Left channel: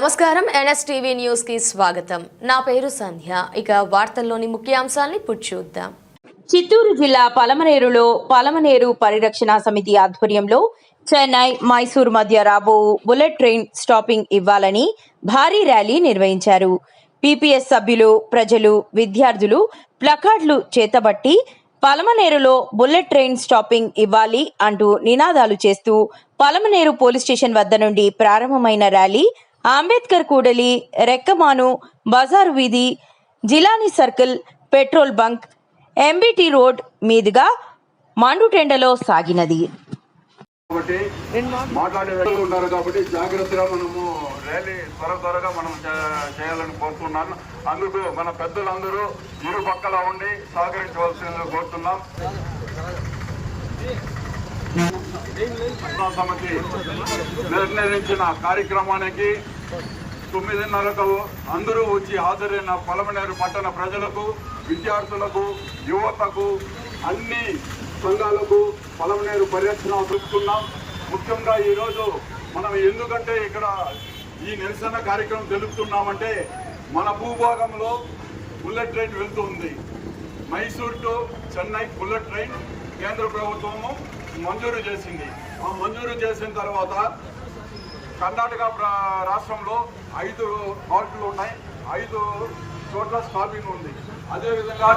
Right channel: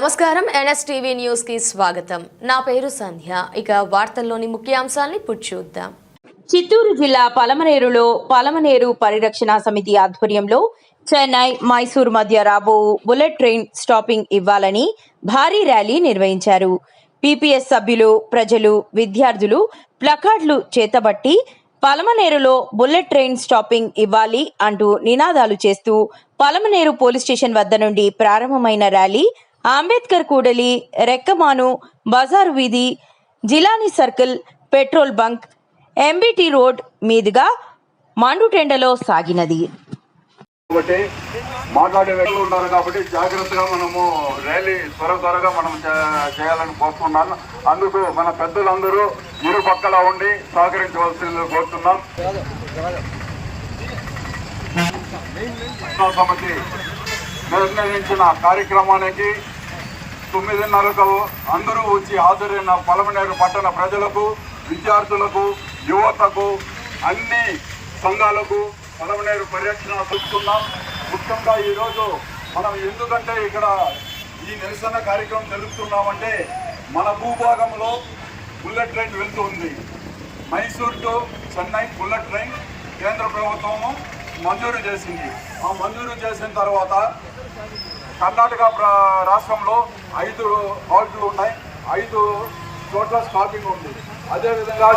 నమస్కారం NSTV news కి స్వాగతం. నా పేరు సంధ్య. ఇక వార్తల్లోని ముఖ్యాంశాల్ని చూద్దాం. చిత్తూరు జిల్లా పలమనేరులో పలమనేరు పరిరక్షణ సమితి ఆధ్వర్యంలో చెన్నై మైసూర్ మధ్య రాబో బుల్లెట్ ట్రైన్ స్టాపింగ్ ఇవ్వాలని భారీ ర్యాలీ నిర్వహించారు. పీపీఎస్ సభ్యులు, ప్రజలు, విద్యార్థులు ప్లకార్డులు చేతబట్టి పలమనేరులో బుల్లెట్ ట్రైన్ స్టాపింగ్ ఇవ్వాలి అంటూ నినాదాలు చేస్తూ పలమనేరు పోలీస్ స్టేషన్ వద్ద నుండి ప్రారంభమైన ర్యాలీ అంబేద్కర్ కూడలి, రెక్కమాను, బజారు వీధి, Jilani circle, petrol bunk, MBT road మీదుగా మండుటెండలో సాగినది. మాట్లాడే వ్యక్తులు ఉన్నారు కాబట్టి జాగ్రత్తగా మనము ర్యాలీ త్వరగా మనం చేయాలని కోరుతున్నాను. అందుకు మన పెద్దలందరూ ఇరు పక్కల ఉండి సహకరించవలసింది కోరుతున్నాం. సమితి నిర్ణయించిన కార్యక్రమానికి 9:30కు అందరూ వచ్చి హాజరైన పలమనేరు పట్టణ ప్రజలకు, విద్యార్థులకు, యువతకు, అన్ని సంఘాలకు పలమనేరు పరిరక్షణ చూస్తున్నాం. ముఖ్యంగా ఈరోజు మనం ఎందుకంటే ఇక్కడ ఈ నిరసన కార్యక్రమం తెలుపుతున్నామంటే మన భూభాగంలో బుల్లెట్ ట్రైన్ వెళ్తుంది. Mysore to Chennai bullet train కేంద్ర ప్రభుత్వము మంజూరు చేసింది. ఆ మంజూరు చేసిన తర్వాత కర్ణాటక రాష్ట్రంలో 5 హాల్ట్లు ఉన్నాయి, 5 చోట్ల స్టాపింగ్ ఉంది. అదేవిధంగా